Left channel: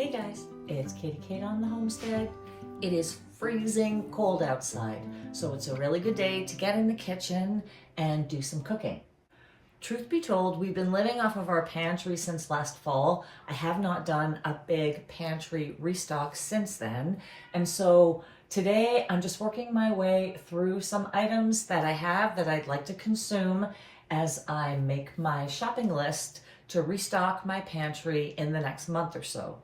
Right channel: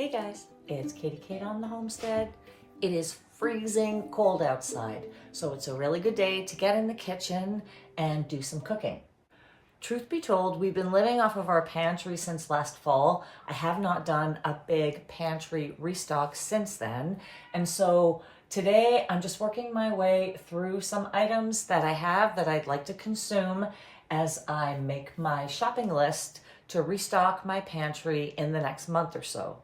Hey guys, it's Katie Kate on the Homestead. It is freezing cold outside, so it's a really good day to get in the kitchen and do some cooking. Truth be told, we've been living off of our pantry since last fall. I have not done a big pantry restock since then, and so today I'm just working my way through some items that I have that I'd like to consume as I make my shopping list to restock my pantry in the next month or so.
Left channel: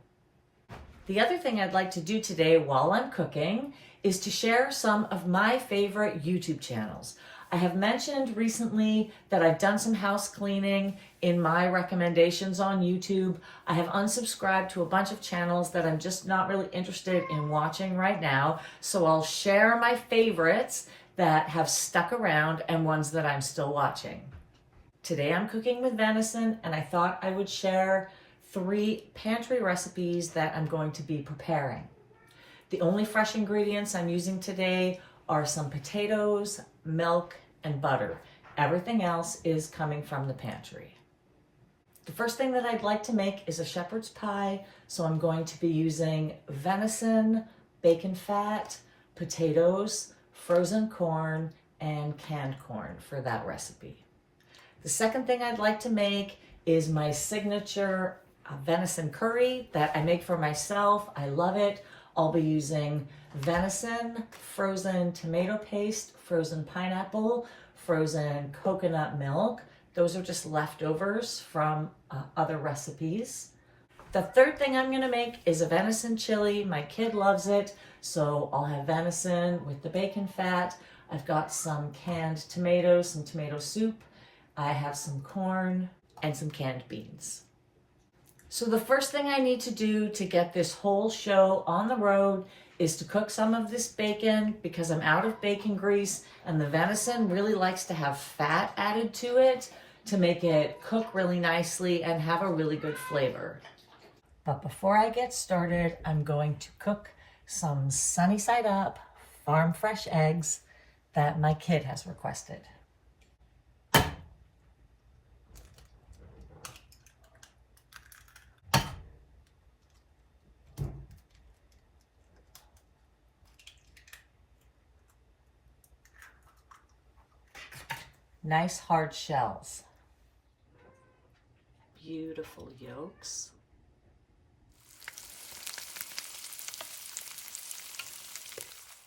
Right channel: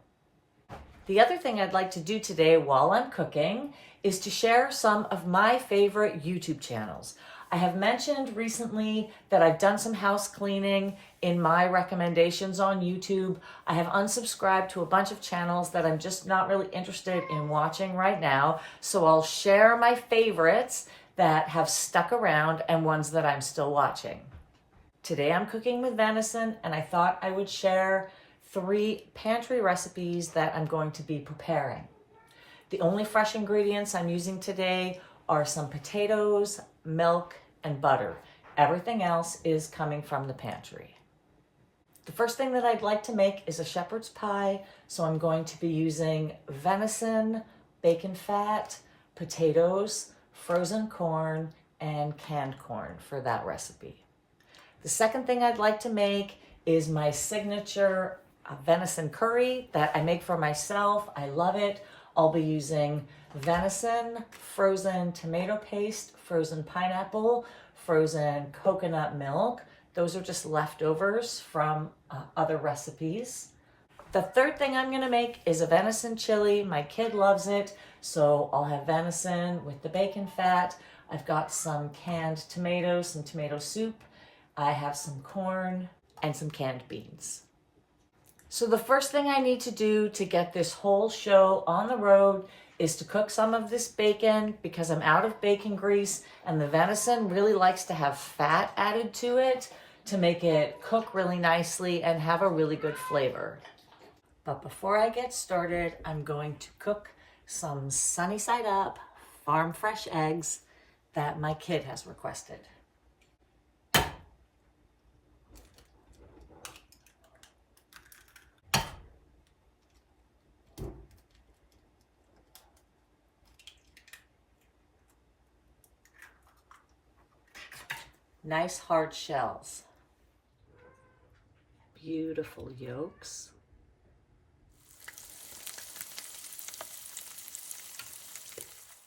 The other thing I'd like to do today while I'm cooking is to share some of my favorite YouTube channels. I have mentioned recently that I've done some house cleaning in my recommendations on YouTube. I have unsubscribed to a bunch of channels that I'm just not really interested in watching right now, so I'll share my favorites that have stuck around and ones that I'm still watching. Today I'm cooking with venison, and I thought I would share 3 pantry recipes that I'm going to be preparing. The only fresh ingredients I'm using today are some potatoes, milk, and butter. Everything else is coming from the pantry. The first thing that I'd like to make is a shepherd's pie, so I'm going to be using venison, bacon fat, potatoes, frozen corn, and canned corn for that recipe. The second thing I'd like to make is my signature venison curry that I make for myself. I love it. I'll be using venison, frozen tomato paste, frozen pineapple, frozen coconut milk. Those are just leftovers from other recipes. The third thing I'm gonna make is a venison chili. My kid loves it, so I'll have venison with the bacon fat. I've got some canned tomatoes, some tomato soup. I have some corn and some canned beans. So the first thing I need to do to get this whole show on the road is to cook some of this bacon because I'm out of bacon grease, and the venison really likes to have fat added to it to make it cook really nicely and have a really good flavor. But before I get started, I'm going to cook some sunny side up farm fresh eggs that my kid has requested. Nice hard shells. Beautiful yolks.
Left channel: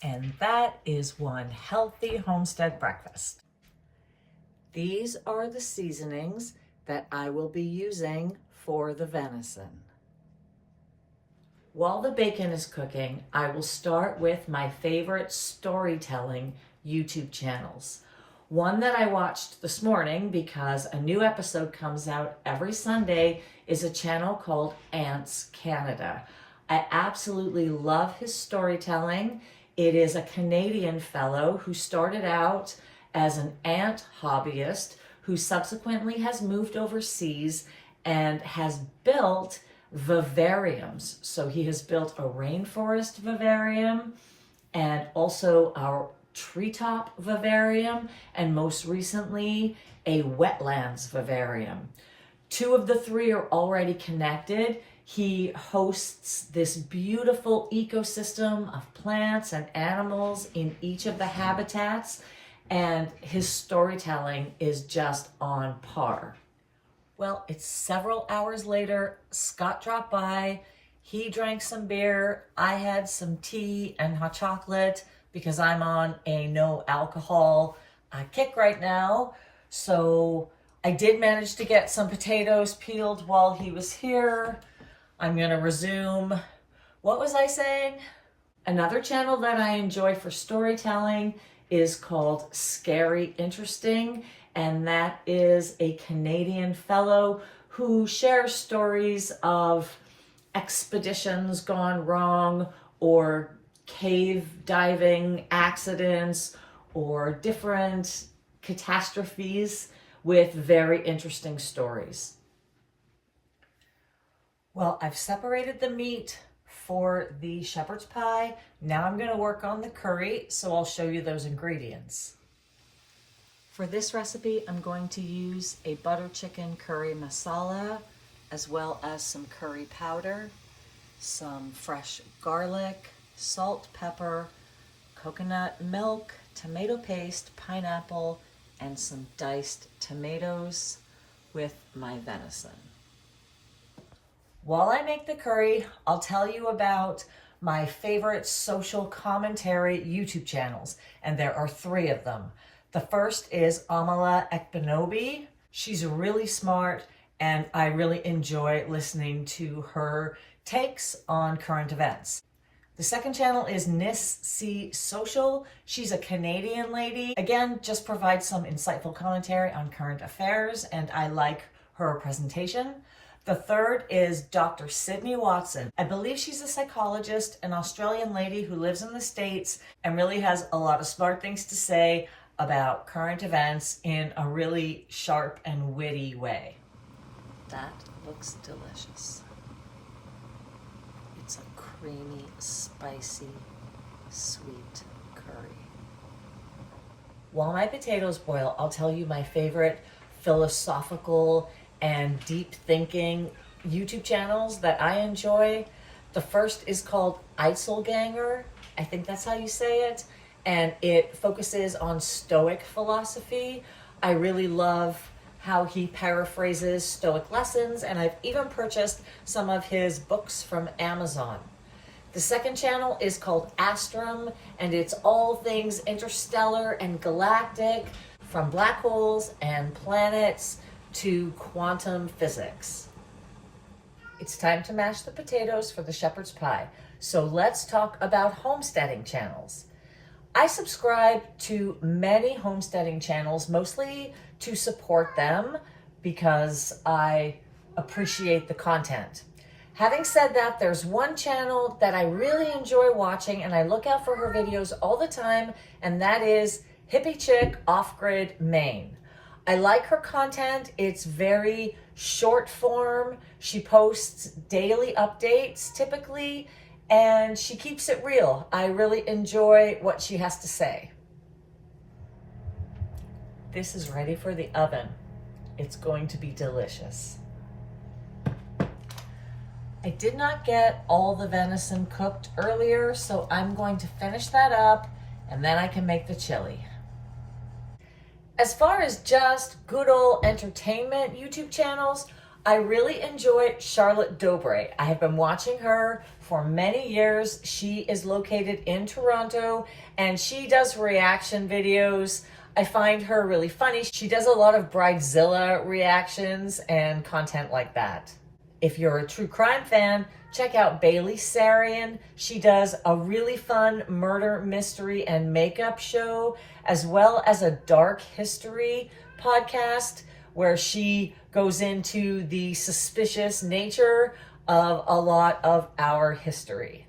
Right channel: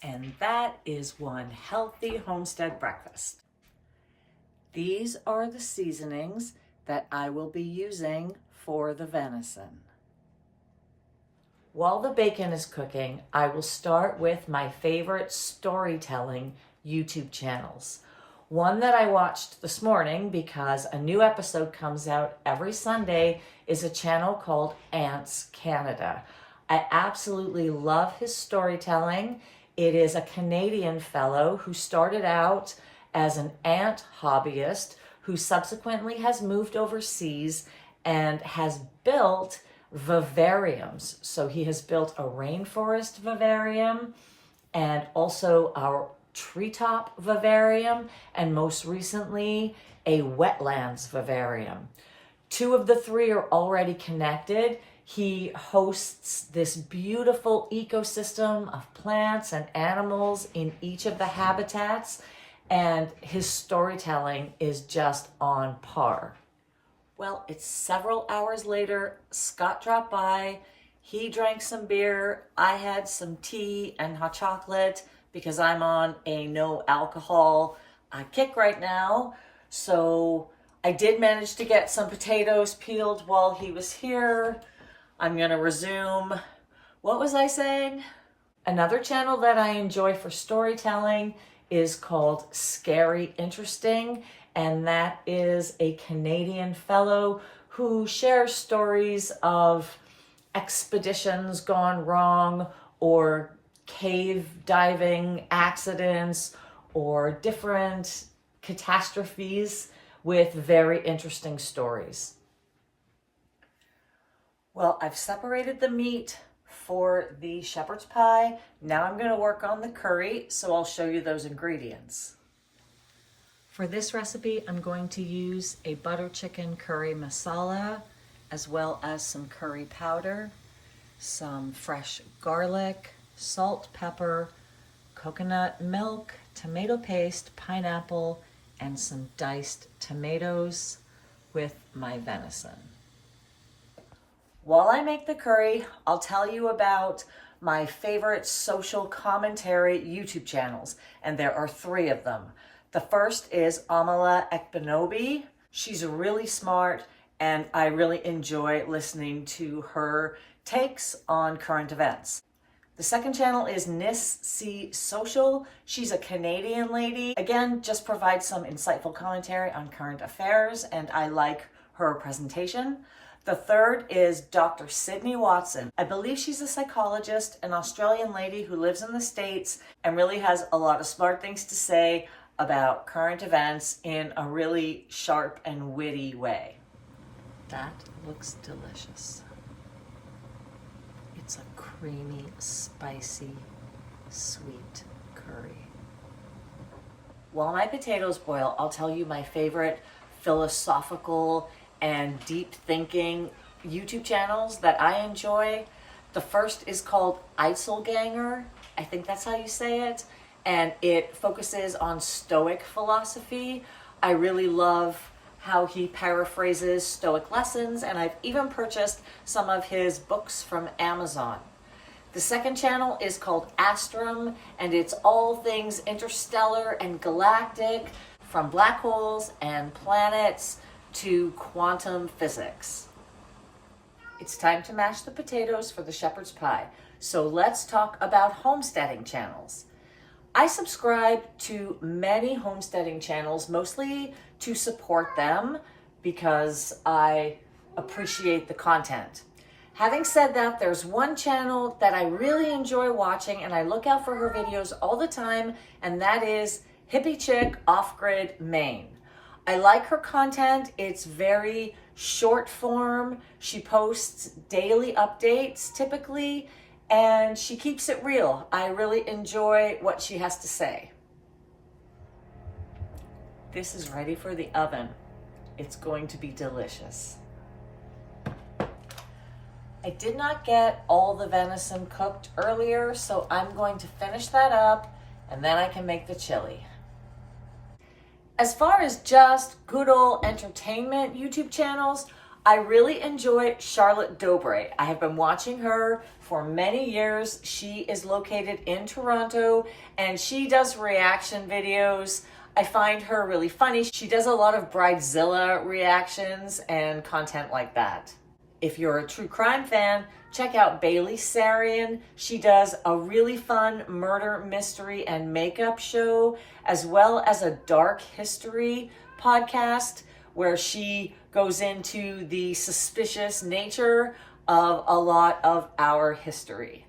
And that is one healthy homestead breakfast. These are the seasonings that I will be using for the venison. While the bacon is cooking, I will start with my favorite storytelling YouTube channels. One that I watched this morning because a new episode comes out every Sunday is a channel called Ants Canada. I absolutely love his storytelling. It is a Canadian fellow who started out as an ant hobbyist who subsequently has moved overseas and has built vivariums. So he has built a rainforest vivarium and also a treetop vivarium, and most recently a wetlands vivarium. 2 of the 3 are already connected. He hosts this beautiful ecosystem of plants and animals in each of the habitats, and his storytelling is just on par. Well, it's several hours later. Scott dropped by. He drank some beer. I had some tea and hot chocolate because I'm on a no alcohol kick right now. So I did manage to get some potatoes peeled while he was here. I'm gonna resume. What was I saying? Another channel that I enjoy for storytelling is called Scary Interesting, and that is a Canadian fellow who shares stories of expeditions gone wrong or cave diving accidents or different catastrophes with very interesting stories. Well, I've separated the meat for the shepherd's pie. Now I'm going to work on the curry, so I'll show you those ingredients. For this recipe, I'm going to use a butter chicken curry masala, as well as some curry powder. some fresh garlic, salt, pepper, coconut milk, tomato paste, pineapple, and some diced tomatoes with my venison. While I make the curry, I'll tell you about my favorite social commentary YouTube channels, and there are 3 of them. The first is Amala Ekpenobi. She's really smart, and I really enjoy listening to her takes on current events. The second channel is Nis C Social. She's a Canadian lady. Again, just provides some insightful commentary on current affairs, and I like her presentation. The third is Dr. Sydney Watson. I believe she's a psychologist, an Australian lady who lives in the States and really has a lot of smart things to say about current events in a really sharp and witty way. That looks delicious. It's a creamy, spicy, sweet curry. While my potatoes boil, I'll tell you my favorite philosophical and deep thinking YouTube channels that I enjoy. The first is called Einzelganger. I think that's how you say it. And it focuses on Stoic philosophy. I really love how he paraphrases Stoic lessons, and I've even purchased some of his books from Amazon. The second channel is called Astrum, and it's all things interstellar and galactic, from black holes and planets to quantum physics. It's time to mash the potatoes for the shepherd's pie. So let's talk about homesteading channels. I subscribe to many homesteading channels, mostly to support them because I appreciate the content. Having said that, there's one channel that I really enjoy watching and I look out for her videos all the time, and that is Hippie Chick Off-Grid Maine. I like her content. It's very short form. She posts daily updates typically, and she keeps it real. I really enjoy what she has to say. This is ready for the oven. It's going to be delicious. I did not get all the venison cooked earlier, so I'm going to finish that up and then I can make the chili. As far as just good old entertainment YouTube channels, I really enjoy Charlotte Dobre. I have been watching her for many years. She is located in Toronto and she does reaction videos. I find her really funny. She does a lot of Bridezilla reactions and content like that. If you're a true crime fan, check out Bailey Sarian. She does a really fun murder, mystery, and makeup show, as well as a dark history podcast where she goes into the suspicious nature of a lot of our history.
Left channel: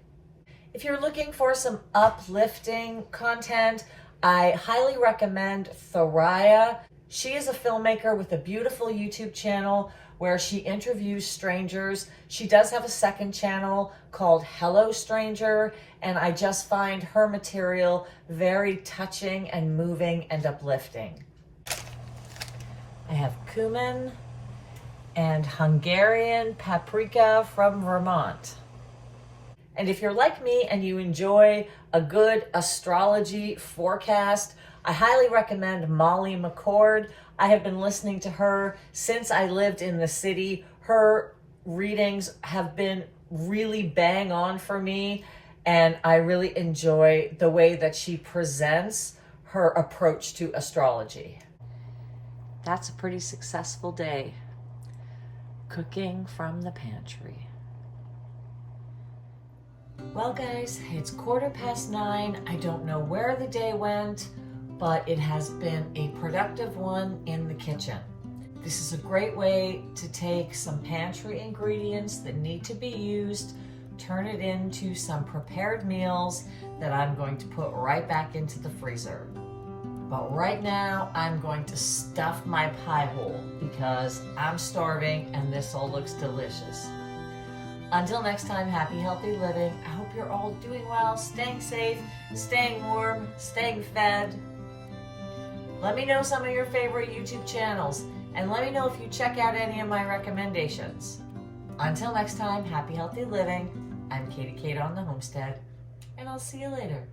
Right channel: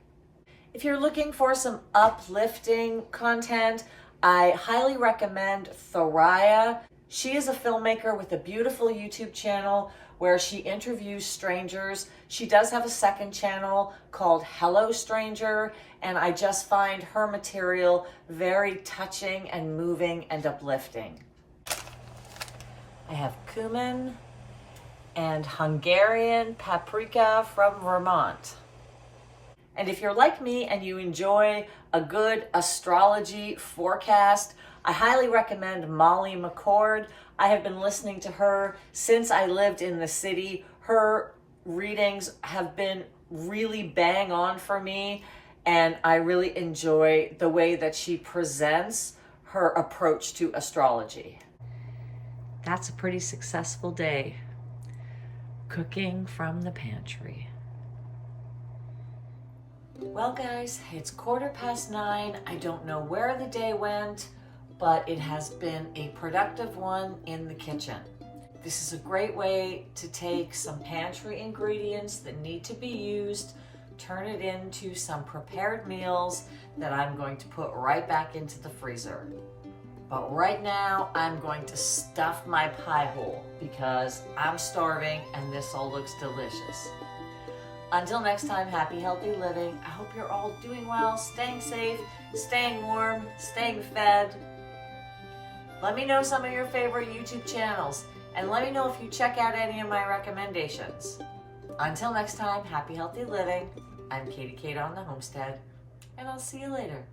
If you're looking for some uplifting content, I highly recommend Thoraya. She is a filmmaker with a beautiful YouTube channel where she interviews strangers. She does have a second channel called Hello Stranger, and I just find her material very touching and moving and uplifting. I have cumin and Hungarian paprika from Vermont. And if you're like me and you enjoy a good astrology forecast, I highly recommend Molly McCord. I have been listening to her since I lived in the city. Her readings have been really bang on for me, and I really enjoy the way that she presents her approach to astrology. That's a pretty successful day. Cooking from the pantry. Well guys, it's 9:15. I don't know where the day went, but it has been a productive one in the kitchen. This is a great way to take some pantry ingredients that need to be used, turn it into some prepared meals that I'm going to put right back into the freezer. But right now, I'm going to stuff my pie hole because I'm starving and this all looks delicious. Until next time, happy, healthy living. I hope you're all doing well, staying safe, staying warm, staying fed. Let me know some of your favorite YouTube channels, and let me know if you check out any of my recommendations. Until next time, happy, healthy living. I'm Katie Kate on the Homestead, and I'll see you later.